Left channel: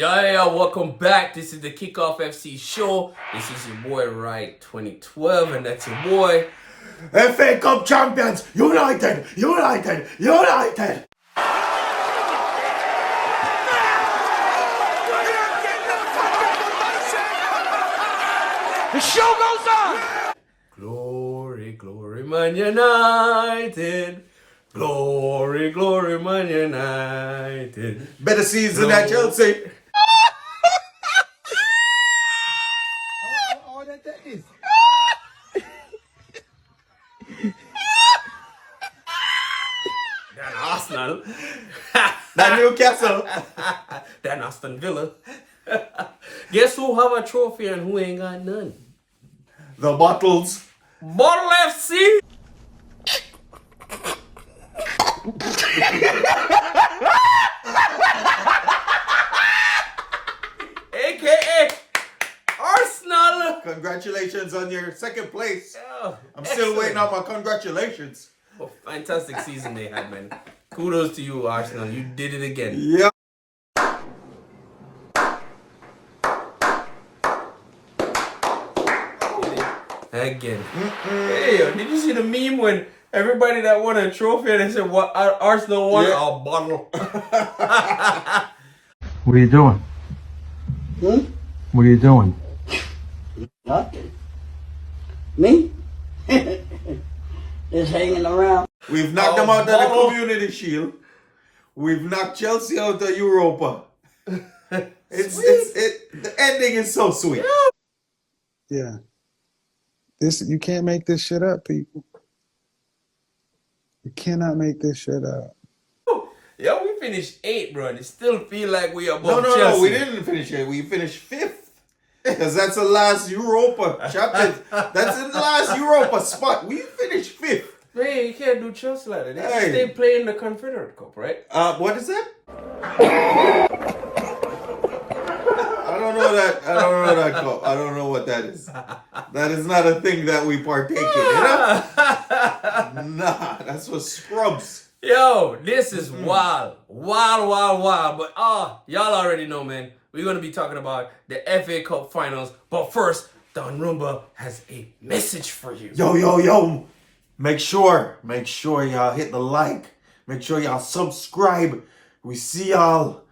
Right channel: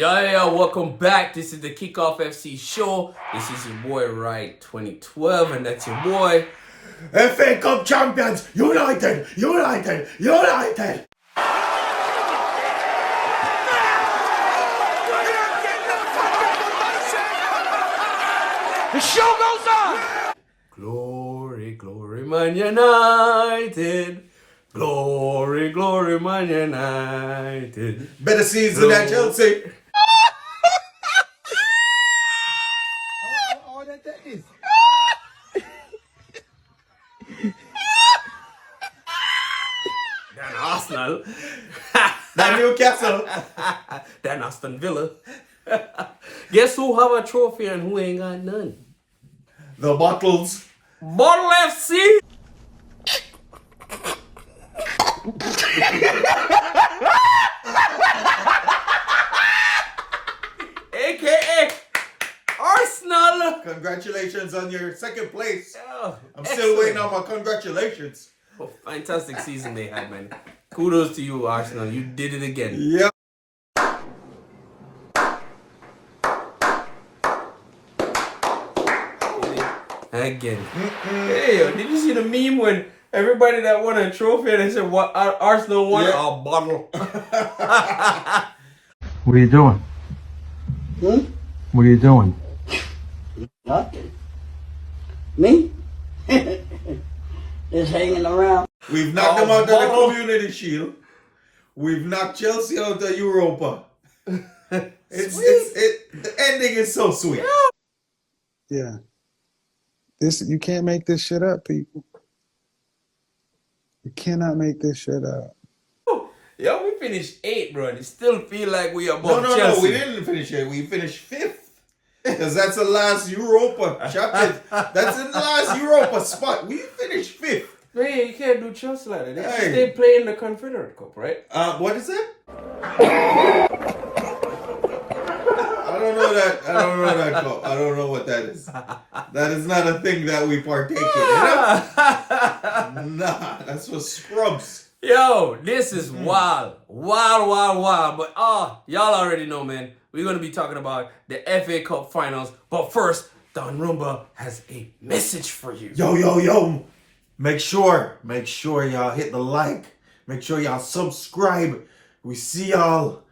Welcome back. This is the Kickoff FC show. This is your boy, Right 2012, and that's your boy, FA Cup champions, United, United, United. The show goes on. Glory, glory, Man United. Glory, glory, Man United. Better season than Chelsea. That is. Then Arsenal. Than Newcastle. Then Aston Villa. Guess who have a trophy and who ain't got none? The bottles. Bottle FC. AKA Arsenal. Congratulations on your second place. Oh, I'm still waiting on my congratulations. Oh, fantastic season they had, man. Kudos to you, Arsenal. You did it again. Yeah. Again. Hey, did you see the meme when everybody that won a trophy and they said what Arsenal won? Yeah. A bottle. What are you doing? What are you doing? Nothing. Me? Just hanging around. We've knocked them out of the Community Shield. We've knocked Chelsea out of Europa. The ending is so sweet. Yeah. You can't make this shit up, people. You cannot make this shit up. Yo, we finished 8th, bro. And it still feel like we are above No, Chelsea. we didn't finish 8th. We finished 5th. Because that's the last Europa chapter. That's the last Europa spot. We finished 5th. Hey, you can't do Chelsea like that. They Hey. stay playing the Confederate Cup, right? What is that? I don't know that cup. I don't know what that is. That is not a thing that we partake in. Nah, that's for scrubs. Yo, this is wild. Wild. But y'all already know, man. We're going to be talking about the FA Cup finals. But first, Don Rumba has a message for you. Yo. Make sure y'all hit the like. Make sure y'all subscribe. We see y'all.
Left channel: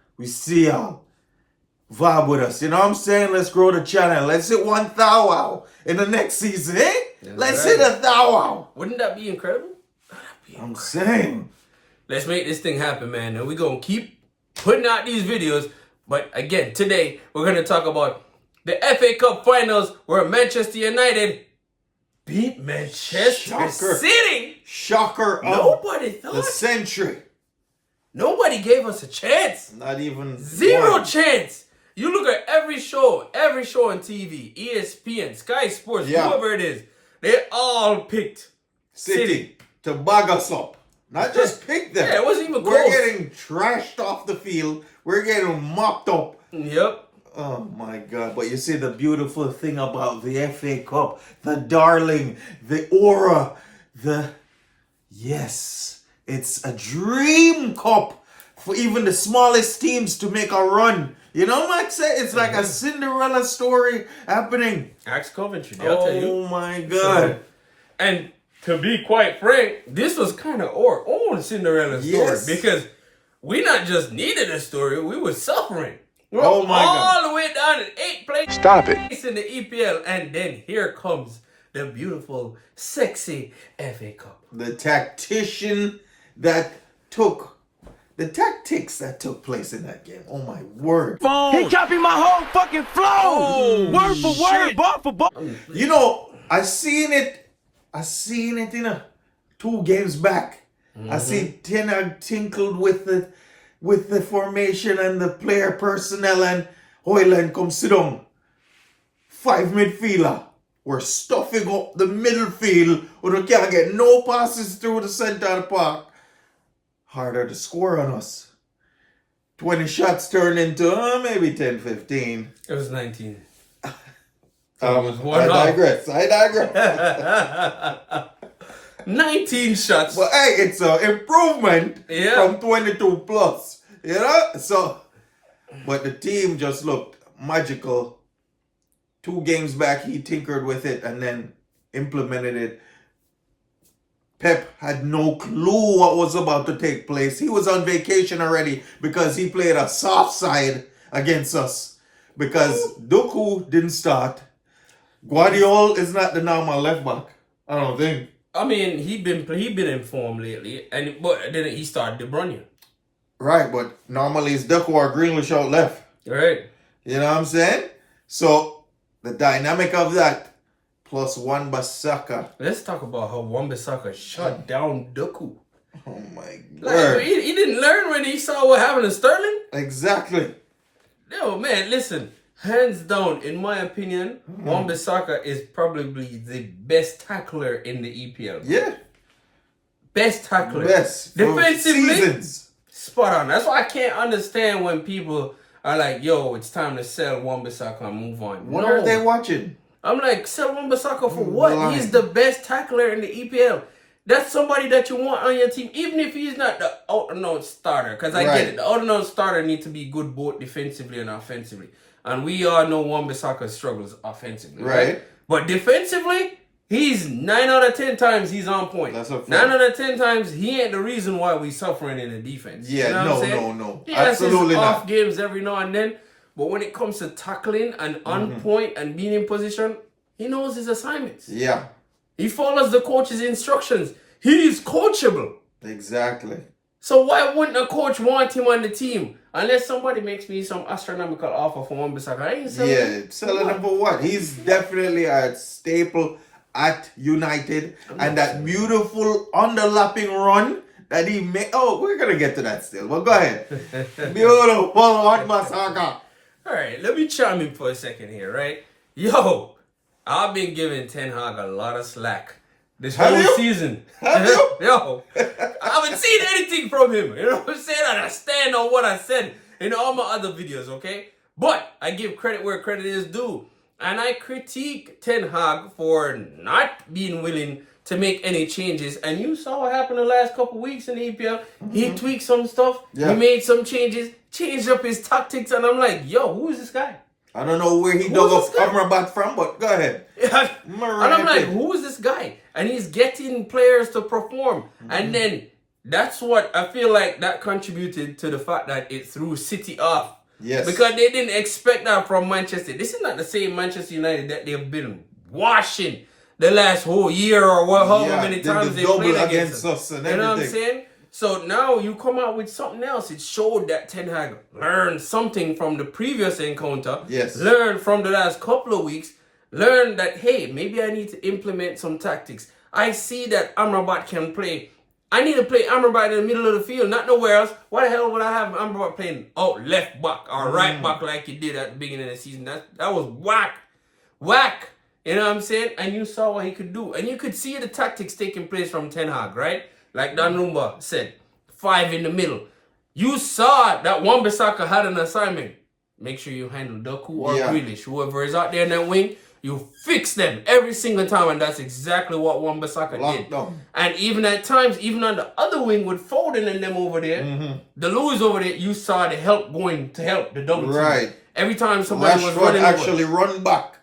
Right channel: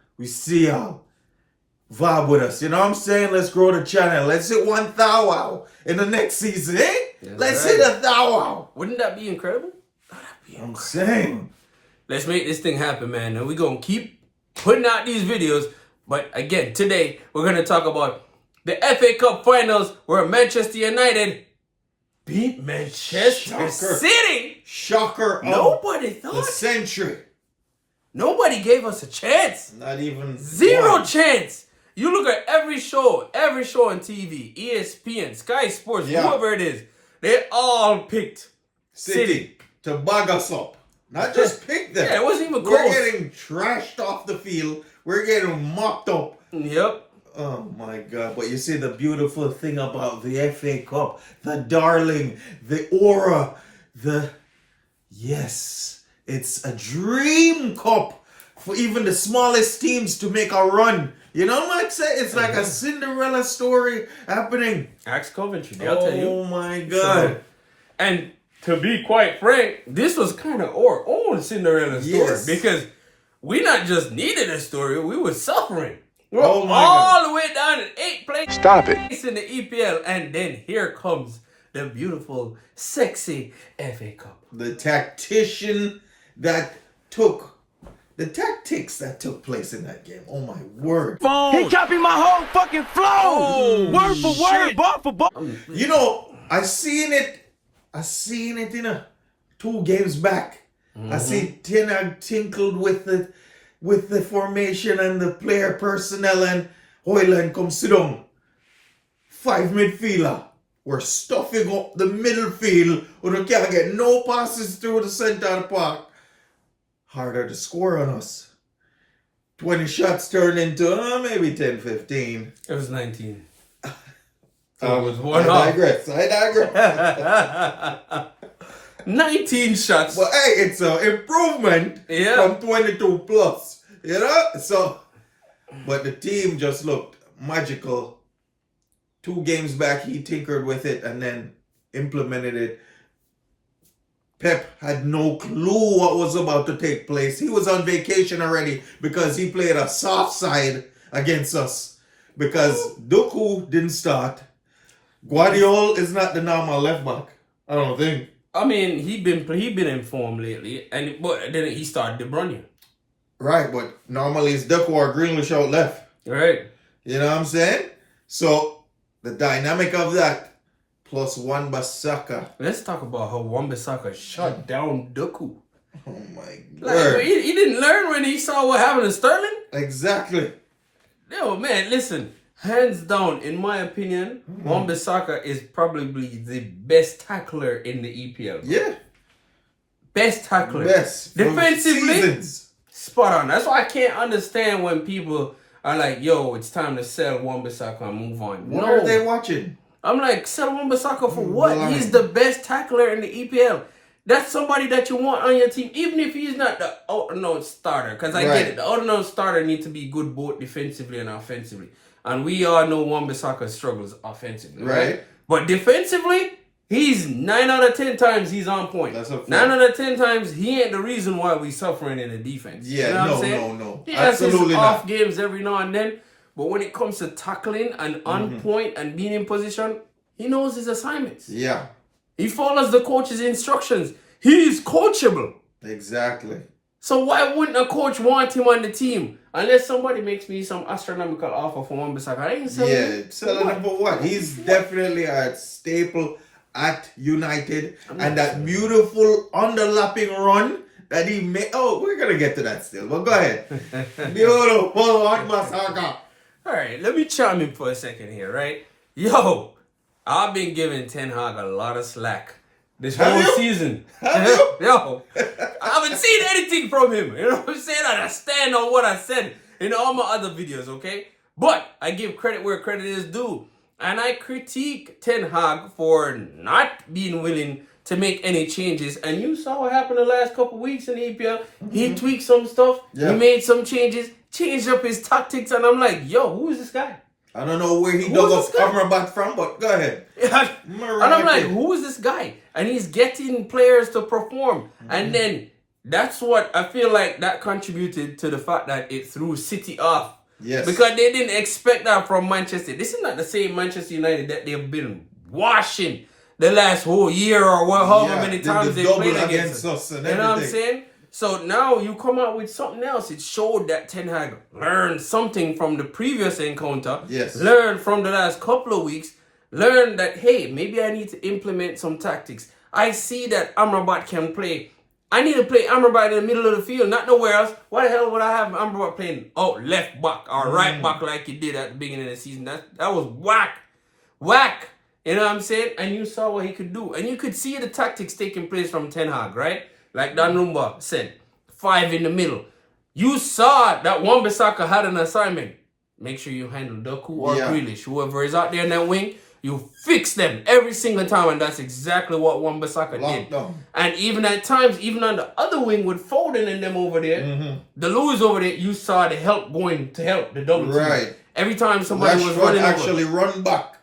Vibe with us. You know what I'm saying? Let's grow the channel. Let's hit 1,000 in the next season, eh? Let's hit 1,000. Wouldn't that be incredible? I'm saying. Let's make this thing happen, man. And we're going to keep putting out these videos. But again, today, we're going to talk about the FA Cup finals where Manchester United beat Manchester City. Shocker. Nobody The thought. century. Nobody gave us a chance. Not even Zero one. chance. You look at every show on TV, ESPN, Sky Sports, Yeah. whoever it is, they all picked City. To bag us up. Not just pick them. Yeah, it wasn't even We're close. getting trashed off the field. We're getting mopped up. Yep. Oh my God. But you see the beautiful thing about the FA Cup, the darling, the aura, yes, it's a dream cup for even the smallest teams to make a run. You know what I'm saying? It's like a Cinderella story happening. Ask Coventry, they'll tell you. Oh my God. And to be quite frank, this was kind of our own Cinderella story Yes. because we not just needed a story, we were suffering. We were Oh my all God. the way down in 8th place. Stop it. In the EPL, and then here comes the beautiful, sexy FA Cup. The tactics that took place in that game. Oh my word. He copied my whole fucking flow. Word for word, bar for bar. You know, I seen it in 2 games back. I seen Ten Hag tinkled with the formation and the player personnel, and Hoyland come sit down. 5 midfielder. We're stuffing up the middle field where we can't get no passes through the center of the park. Harder to score on us. 20 shots turned into maybe 10, 15. It was 19. I was one off. digress. 19 shots. But hey, it's an improvement Yeah. from 22 plus. You know? So, but the team just looked magical. 2 games back, he tinkered with it and then implemented it. Pep had no clue what was about to take place. He was on vacation already because he played a soft side against us. Because Doku didn't start. Guardiola is not the normal left back. I don't think. I mean, he been in form lately, but then he started De Bruyne. Right, but normally it's Doku or Greenwich out left. Right. You know what I'm saying? So the dynamic of that plus Wan-Bissaka. Let's talk about how Wan-Bissaka shut down Doku. Oh my Like, god. he didn't learn when he saw what happened to Sterling. Exactly. Yo, man, listen. Hands down, in my opinion, Wan-Bissaka is probably the best tackler in the EPL. Yeah. Best tackler. Best. for Defensively, seasons. spot on. That's why I can't understand when people are like, yo, it's time to sell Wan-Bissaka and move on. What No. are they watching? I'm like, sell Wan-Bissaka for what? blind. He's the best tackler in the EPL. That's somebody that you want on your team, even if he's not the out-and-out starter. Because I Right. get it. The out-and-out starter needs to be good both defensively and offensively. And we all know Wan-Bissaka struggles offensively, right? Right. But defensively, he's 9 out of 10 times he's on point. That's a fact. 9 out of 10 times he ain't the reason why we suffering in the defense. Yeah, you know what no, I'm saying? no. He has his Absolutely off not. games every now and then. But when it comes to tackling and on point and being in position, he knows his assignments. Yeah. He follows the coach's instructions. He's coachable. Exactly. So why wouldn't a coach want him on the team? Unless somebody makes me some astronomical offer for Wan-Bissaka. I ain't selling him. Yeah, selling him for what? He's definitely a staple at United. And that beautiful underlapping run that he made. Oh, we're going to get to that still. But go ahead. Beautiful Wan-Bissaka. All right, let me chime in for a second here, right? Yo, I've been giving Ten Hag a lot of slack this Have whole you? season. Have you? Yo, I haven't seen anything from him. You know what I'm saying? And I stand on what I said in all my other videos, okay? But I give credit where credit is due. And I critique Ten Hag for not being willing to make any changes. And you saw what happened the last couple weeks in the EPL. He tweaked some stuff. Yeah. He made some changes, changed up his tactics. And I'm like, yo, who is this guy? I don't know where he Who's dug up this guy? Amrabat from, but go ahead. And I'm like, who is this guy? And he's getting players to perform. And then that's what I feel like that contributed to the fact that it threw City off. Yes. Because they didn't expect that from Manchester. This is not the same Manchester United that they've been washing the last whole year or however many times they double played against us. and You know what I'm everything. saying? So now you come out with something else. It showed that Ten Hag learned something from the previous encounter. Yes. Learned from the last couple of weeks. Learned that, hey, maybe I need to implement some tactics. I see that Amrabat can play. I need to play Amrabat in the middle of the field, not nowhere else. Why the hell would I have Amrabat playing left back or right back like he did at the beginning of the season? That was whack. Whack. You know what I'm saying? And you saw what he could do. And you could see the tactics taking place from Ten Hag, right? Like Dan Rumba said, 5 in the middle. You saw that Wan-Bissaka had an assignment. Make sure you handle Doku or Grealish. Whoever is out there in that wing, you fix them every single time. And that's exactly what Wan-Bissaka did. Down. And even at times, even on the other wing with Foden and them over there, the Lewis over there, you saw the help going to help the double team. Right. Every time somebody was Rashford running actually over. run back.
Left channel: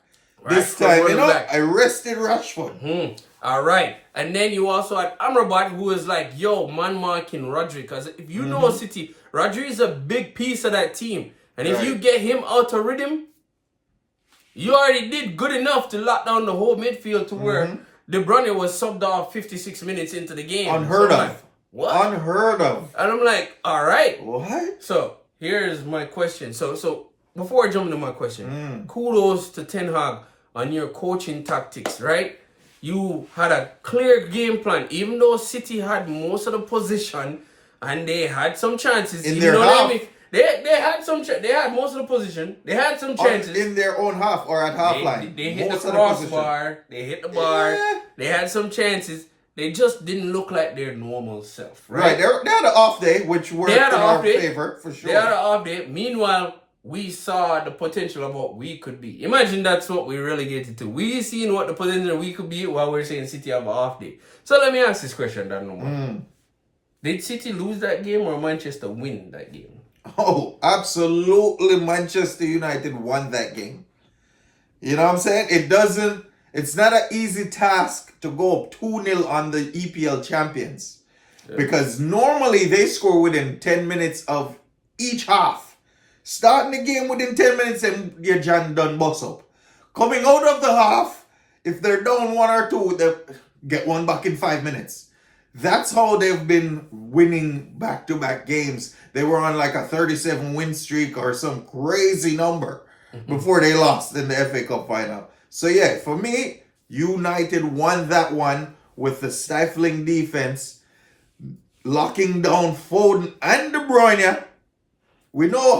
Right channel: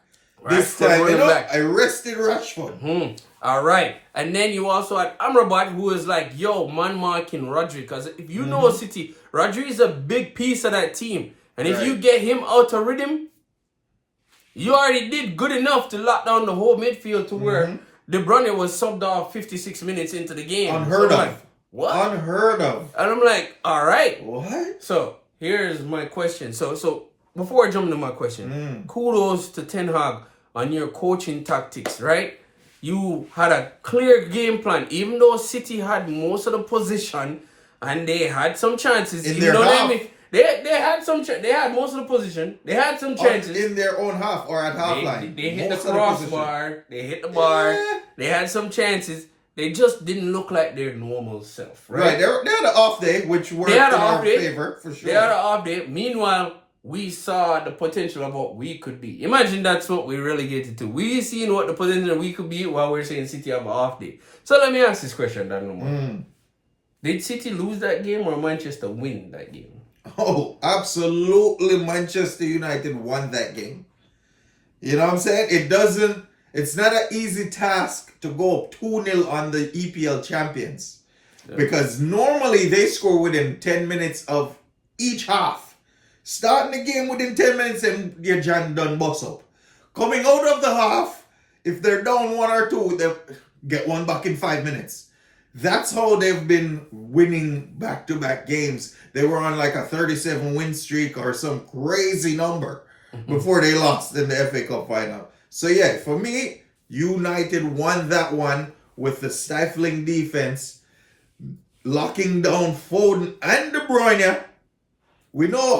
This Rashford time, running back. I rested Rashford. All right. And then you also had Amrabat, who is like, yo, man marking Rodri. Because if you know City, Rodri is a big piece of that team. And if you get him out of rhythm, you already did good enough to lock down the whole midfield to where De Bruyne was subbed off 56 minutes into the game. Unheard So I'm of. like, what? Unheard of. And I'm like, all right. What? So here's my question. So before I jump into my question, kudos to Ten Hag on your coaching tactics, right? You had a clear game plan, even though City had most of the position and they had some chances. In Even their though half. they had most of the position, they had some chances. In their own half or at half line. They hit Most the of crossbar, they hit the bar, Yeah. they had some chances. They just didn't look like their normal self, Right. right? They had an off day, which worked They had in an our off day. favor, for sure. They had an off day. Meanwhile, we saw the potential of what we could be. Imagine that's what we relegated to. We seen what the potential we could be while we're saying City have an off day. So let me ask this question, Dan. Did City lose that game or Manchester win that game? Oh, absolutely. Manchester United won that game. You know what I'm saying? It's not an easy task to go up 2-0 on the EPL champions. Yeah. Because normally they score within 10 minutes of each half. Starting the game within 10 minutes and your John done bust up. Coming out of the half, if they're down 1 or 2, they get one back in 5 minutes. That's how they've been winning back-to-back games. They were on like a 37 win streak or some crazy number before they lost in the FA Cup final. So yeah, for me, United won that one with the stifling defense, locking down Foden and De Bruyne. We know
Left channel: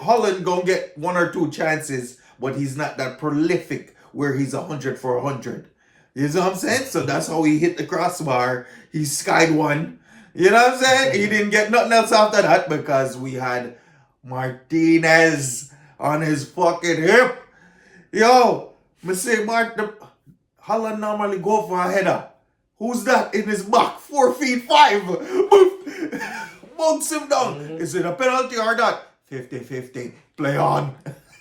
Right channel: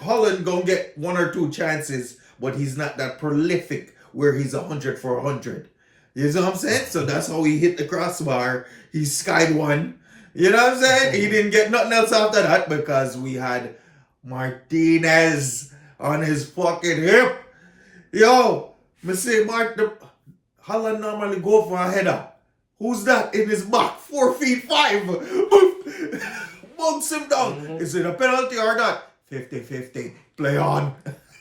Holland gonna get 1 or 2 chances, but he's not that prolific where he's 100 for 100. You know what I'm saying? So that's how he hit the crossbar. He skied one. You know what I'm saying? He didn't get nothing else after that because we had Martinez on his fucking hip. Yo, me say Holland normally go for a header. Who's that in his back? 4 feet 5. Bunks him down. Is it a penalty or not? 50-50. Play on.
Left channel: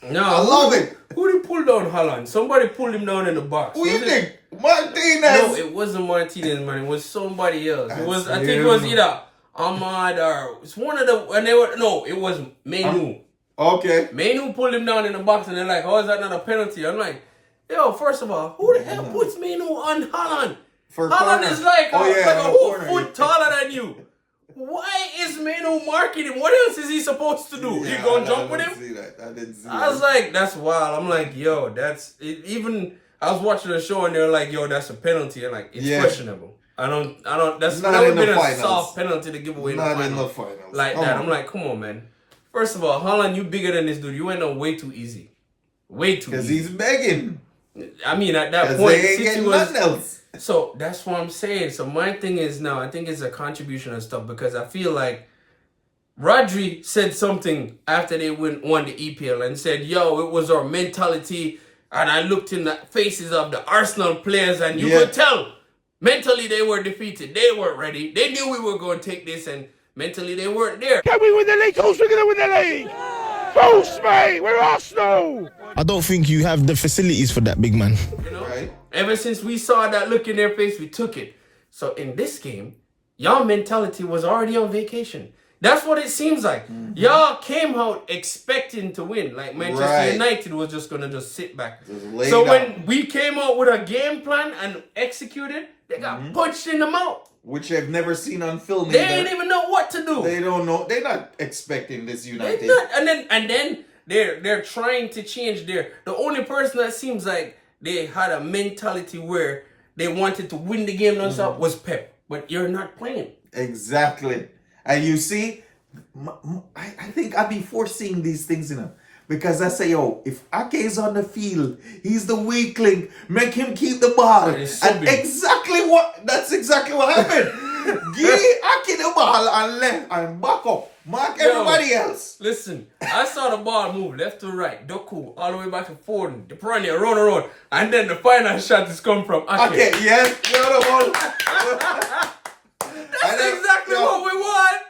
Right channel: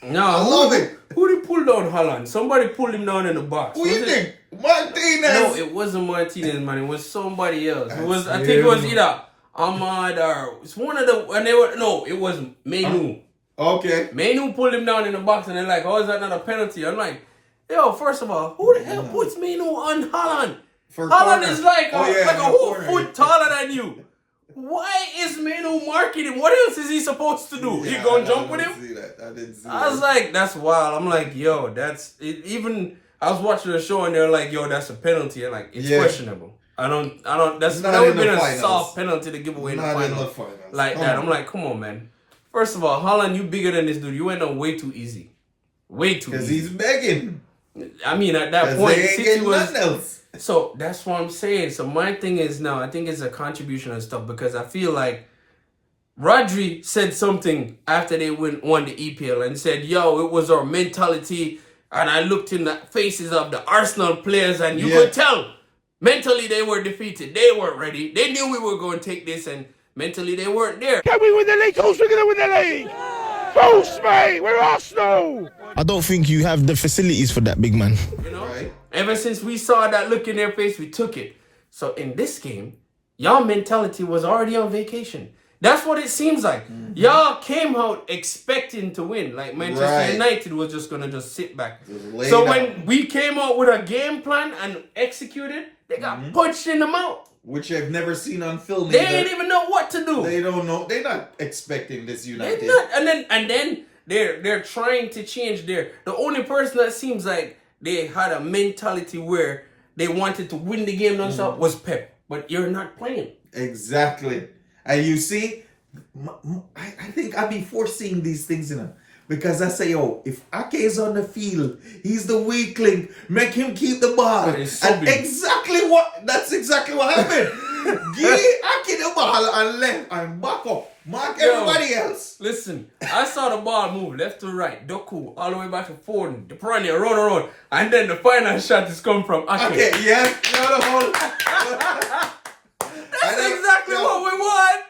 No, I love it. Who did pull down Holland? Somebody pulled him down in the box. Who you think? Martinez. No, it wasn't Martinez, man. It was somebody else. I think it was either Ahmad or it's one of the. And they were no, it was ManUtd. Okay. ManUtd pulled him down in the box, and they're like, "How is that not a penalty?" I'm like, "Yo, first of all, who the hell puts ManUtd on Holland? Holland is like a whole foot taller than you. Why is ManUtd marking him? What else is he supposed to do? You gonna jump with him?" I didn't see I was like, that's wild. I'm like, yo, that's it. Even I was watching the show and they're like, yo, that's a penalty. And like, it's questionable. I don't. That would have been a soft penalty to give away in the finals. Like that. I'm like, come on, man. First of all, Holland, you bigger than this dude. You went on way too easy. Way too easy. Because he's begging. I mean, at that point, City was. Nothing else. So that's what I'm saying. So my thing is now, I think it's a contribution and stuff because I feel like Rodri said something after they won the EPL and said, yo, it was our mentality. And I looked in the faces of the Arsenal players and you could tell mentally they were defeated. They weren't ready. They knew we were going to take this and mentally they weren't there. Can we win the league? Who's going to win the league? False, mate. We're Arsenal. I don't think you have the facilities for that, big man. You know? Right. Ever since we saw that look in their face, we took it. So in this game, y'all mentality was already on vacation. That's what it seems like. Mm-hmm. Y'all came out expecting to win. Like Manchester United was just going to just sit back. So when we came out with a game plan and executed, they got punched in the mouth. Which I've never seen on film. They ain't even know what to do. They don't know. They're not expecting this United. They're not. And then they're trying to change the only person that seems like they had a mentality where they wanted to win the game nonstop was Pep. But you're not playing. Exactly. And you see, I think I'd be foreseeing these things in him. Because I say, yo, if Ake is on the field, he's the weak link. Make him keep the ball. That's exactly what happened. Give Ake the ball and left and back up. Mark everybody else. Listen, I saw the ball move left to right. Doku all the way back to Foden. De Bruyne run around. And then the final shot is come from Ake. Okay, yes. That's exactly what we want.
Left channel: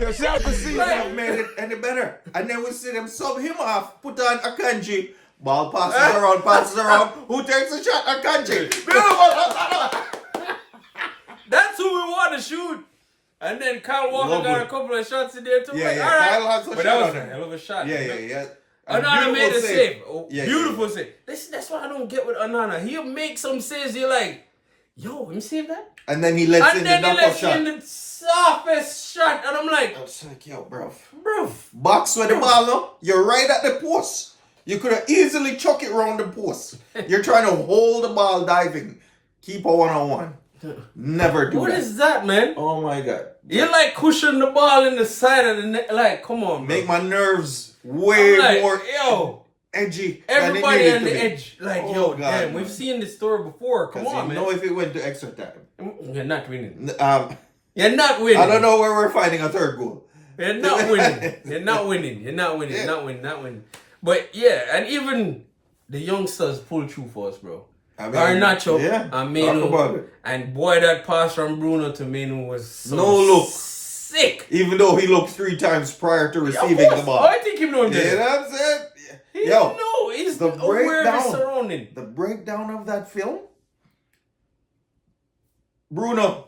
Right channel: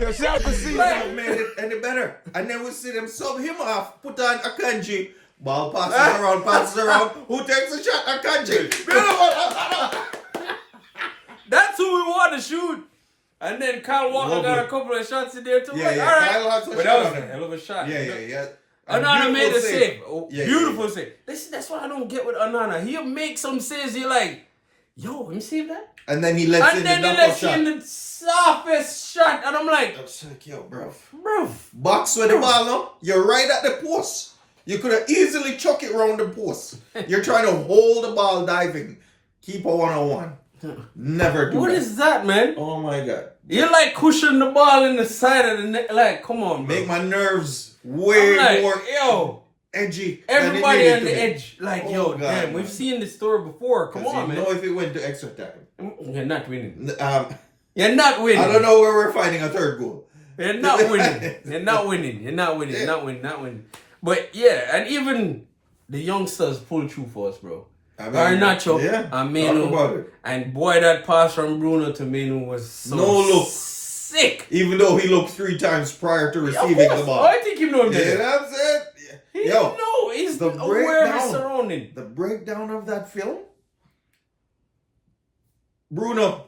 Yourself to see that made it any better. And then we see them sub him off, put on Akanji. Ball passes around. Who takes a shot? Akanji. That's who we want to shoot. And then Kyle Walker got a couple of shots in there too. Yeah, all right. But that was a hell of a shot. Yeah. Onana made a save. Beautiful save. That's what I don't get with Onana. He'll make some saves. You're like, yo, let me save that. And then he lets in the knockout shot. In the softest shot. And I'm like, yo, bro. Box with the ball, no? You're right at the post. You could have easily chuck it around the post. You're trying to hold the ball diving. Keep a 1-on-1. Never do What that. is that, man? Oh, my God. You're like cushioning the ball in the side of the net. Like, come on, bro. Make my nerves way more edgy. Everybody on the edge. Like, God, damn, we've seen this story before. Come on, man. You know if it went to extra time. You're not winning. You're not winning. I don't know where we're finding a third goal. You're not winning. You're not winning. But yeah, and even the youngsters pull through for us, bro. Garnacho, yeah, and talk Manu. about it. And boy, that pass from Bruno to Manu was so No look. sick. Even though he looked 3 times prior to Of receiving course. the ball. Oh, I think he knew him You there. know what I'm saying? He Yo, know. He's the aware of his breakdown. surrounding. The breakdown of that film. Bruno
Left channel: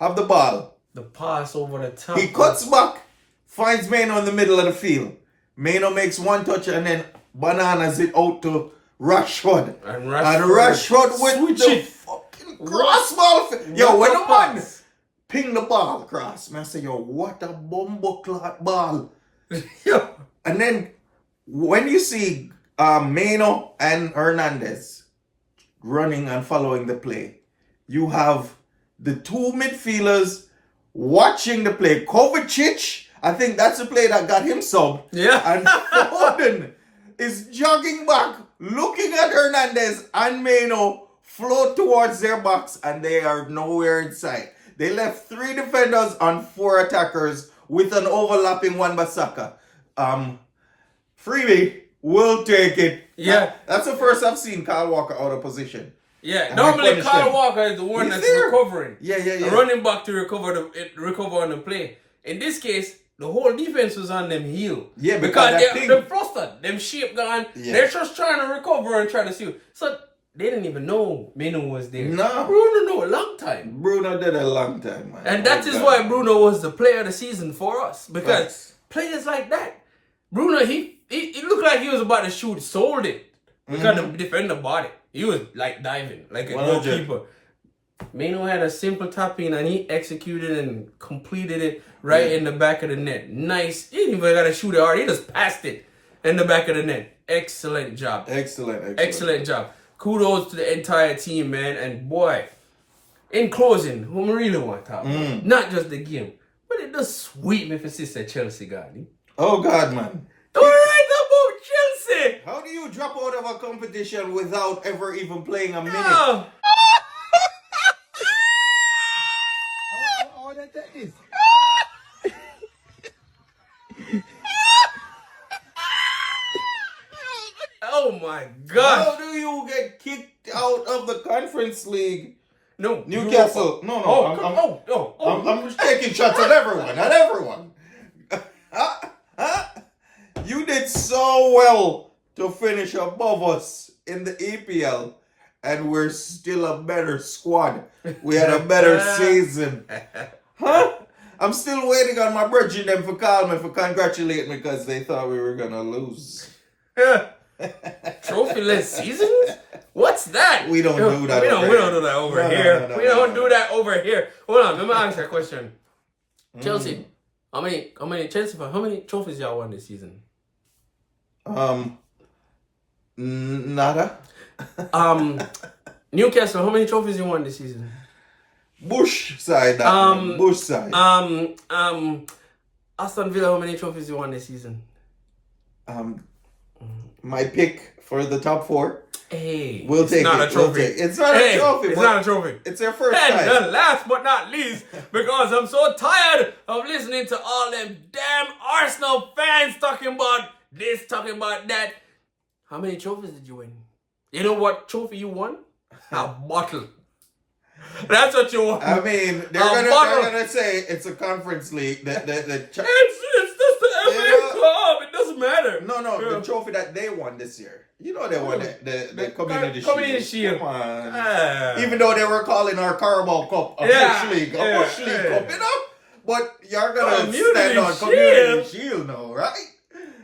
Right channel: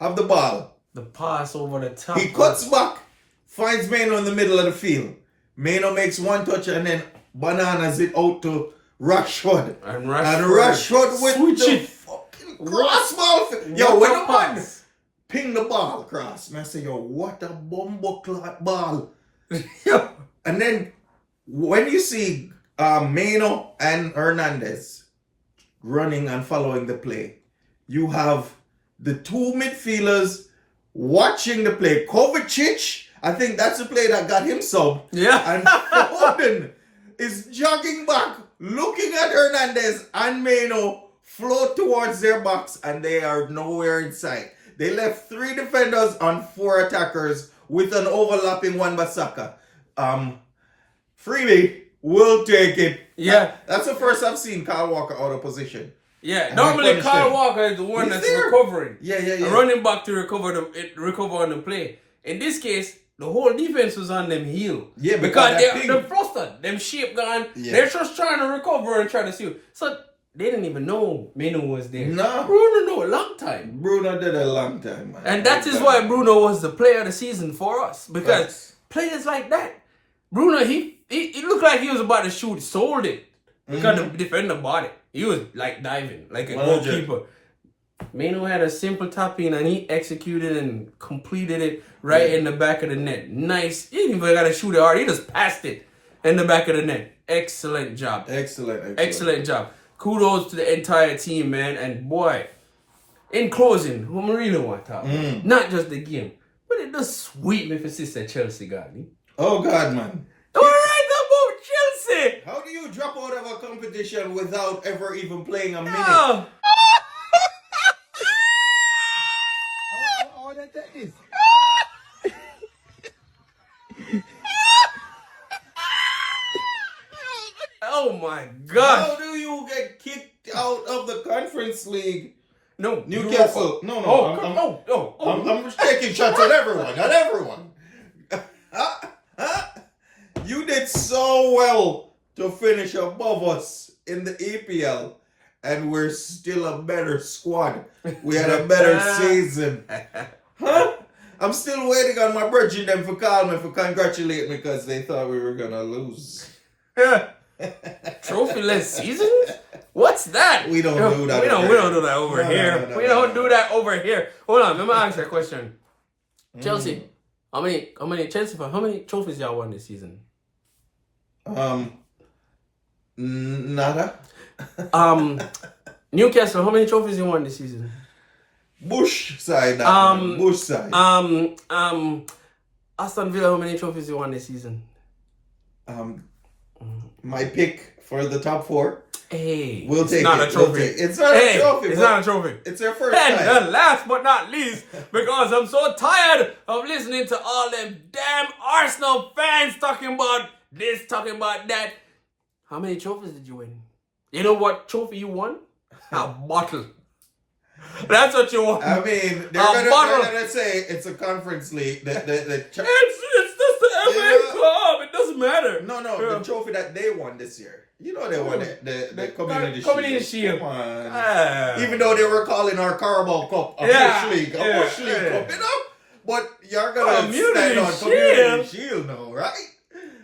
have the ball. The pass over the top. He cuts back, finds Mano in the middle of the field. Mano makes 1 touch and then bananas it out to Rashford. And Rashford with switch the it. fucking cross ball. Yo, when What a the man pass. ping the ball across, man, I say, yo, what a bumbo clot ball. Yo. And then when you see Mano and Hernandez running and following the play, you have the 2 midfielders watching the play. Kovacic, I think that's the play that got him sub. Yeah. And Foden is jogging back, looking at Hernandez and Mano float towards their box, and they are nowhere in sight. They left 3 defenders on 4 attackers with an overlapping Wan-Bissaka. Freebie will take it. Yeah. That's the first I've seen Kyle Walker out of position. Yeah. And Normally, he punished Kyle them. Walker is the one He's that's there. recovering. Yeah. A running back to recover on the play. In this case, the whole defense was on them heel. Yeah, because because that they're thing- flustered. Them shape gone. Yeah. They're just trying to recover and try to see. So they didn't even know Mano was there. No. Bruno know a long time. Bruno did a long time, man. And that is why Bruno was the player of the season for us. Because Yes. players like that, Bruno, he looked like he was about to shoot, sold it. Because the defender bought it. He was like diving, like a 100. goalkeeper. Mano had a simple tap in and he executed and completed it right in the back of the net. Nice. He didn't even got to shoot it hard. He just passed it in the back of the net. Excellent job. Excellent job. Kudos to the entire team, man. And boy, in closing, who I really want to talk about, not just the game, but it does sweet me for Sister Chelsea, God. Oh, God, man. All right, about Chelsea. How do you drop out of a competition without ever even playing a minute? Oh. Oh, that is. Oh my gosh. How do you get kicked out of the Conference League? No, Newcastle. Europa. No. I'm just taking shots at everyone. At everyone. You did so well to finish above us in the EPL, and we're still a better squad. We had a better season. Huh? I'm still waiting on my brethren them for call me for congratulate me because they thought we were gonna lose. Trophy-less seasons? What's that? We don't do that We don't over do that over No, here. no, We don't no. do that over here. Hold on, let me ask you a question. Chelsea, how many trophies y'all won this season? Nada. Newcastle, how many trophies you won this season? Bush side. Bush side. Aston Villa, how many trophies you won this season? My pick for the top 4. Hey, We'll take not it. a trophy. We'll take it. It's not a trophy. It's but not a trophy. It's their first And time. last but not least, because I'm so tired of listening to all them damn Arsenal fans talking about this, talking about that. How many trophies did you win? You know what trophy you won? A bottle. That's what you won. I mean, they're gonna say it's a Conference League. It's just the FA Yeah. Cup. It doesn't matter. No, Yeah. the trophy that they won this year. You know they won the Community Community Shield. Come on. Ah. Even though they were calling our Carabao Cup a Yeah, Bush League, yeah, Bush League yeah. Cup, you know? But you're gonna Community stand on Shield. Community Shield now, right?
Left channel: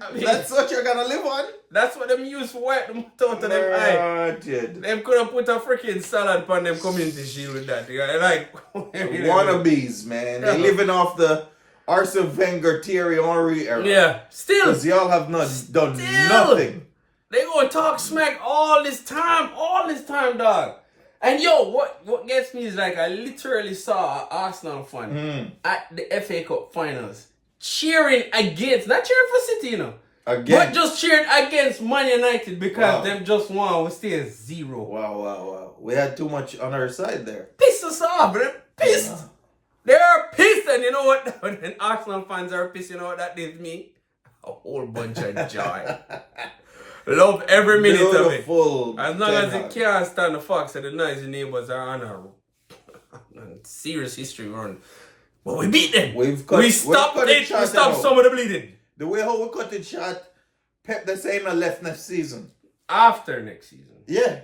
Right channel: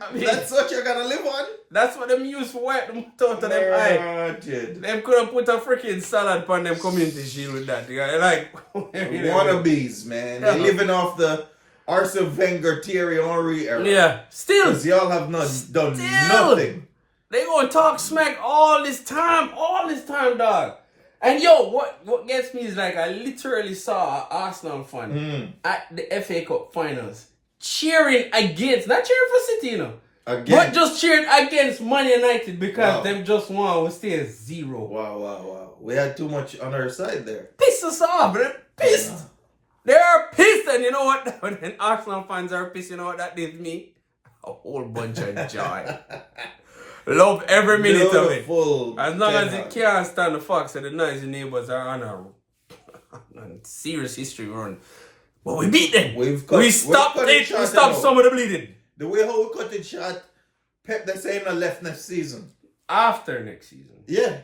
I mean, That's what you're gonna live on? that's what them use for white them out of them eye. Dude. Them could have put a freaking salad on them Community Shield with that. Like, Wannabes, man. Yeah. They're living off the Arsene Wenger, Thierry Henry era. yeah, still, Because y'all have done nothing. they gonna talk smack all this time, dog. And yo, what gets me is like I literally saw an Arsenal fan at the FA Cup finals cheering against, not cheering for City, you know, Again. but just cheering against Man United because Wow. them just won was still 0. Wow. We had too much on our side there. Pissed us off, but they're pissed. They're pissed, and you know what? When Arsenal fans are pissed, you know what that gives me? A whole bunch of joy. Love every minute of it. Beautiful As long Ten as it Hag. can't stand the Fox and the noisy neighbors are on a serious history run. But we beat them. We stopped cut it. short We stopped now. some of the bleeding. The way how we cut it short, Pep they say not left next season. After next season. Yeah.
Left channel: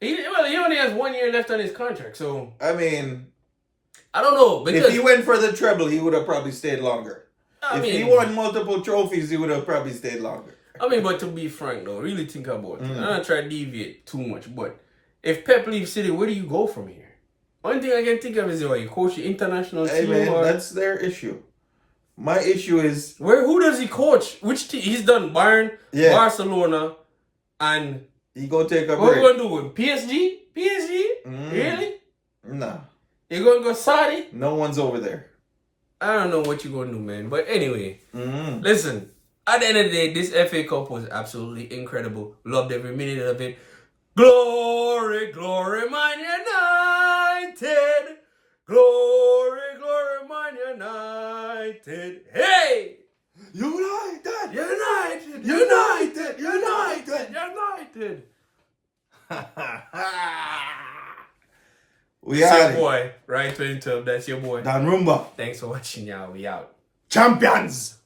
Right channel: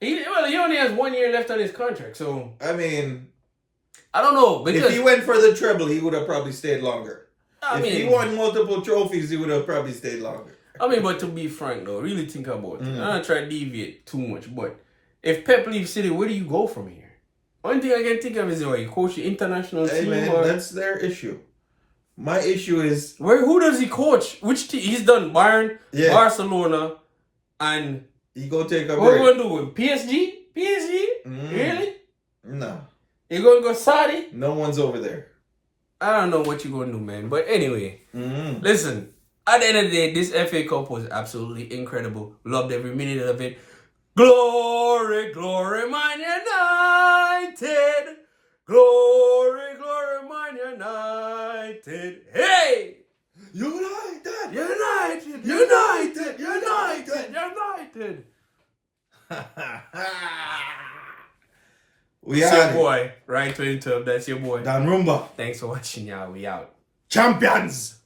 He only has 1 year left on his contract, so I mean, I don't know. Because if he went for the treble, he would have probably stayed longer. I If mean, he won multiple trophies, he would have probably stayed longer. but to be frank though, really think about it. I'm not trying to deviate too much, but if Pep leaves City, where do you go from here? Only thing I can think of is you coach the international Hey, team man, or that's their issue. My issue is who does he coach? Which team? He's done Bayern, Yeah. Barcelona, and he go take a what we break. gonna do with PSG? PSG? Really? No, You gonna go Saudi? no one's over there. I don't know what you gonna do, man. But anyway, Mm-hmm. listen. At the end of the day, this FA Cup was absolutely incredible. Loved every minute of it. Glory, glory, Man United. Glory, glory, Man United. Hey! United! United, United, United, United. We That's your are boy, Ryan 2012. That's your boy. Dan Rumba. Thanks for watching, y'all. We out. Champions!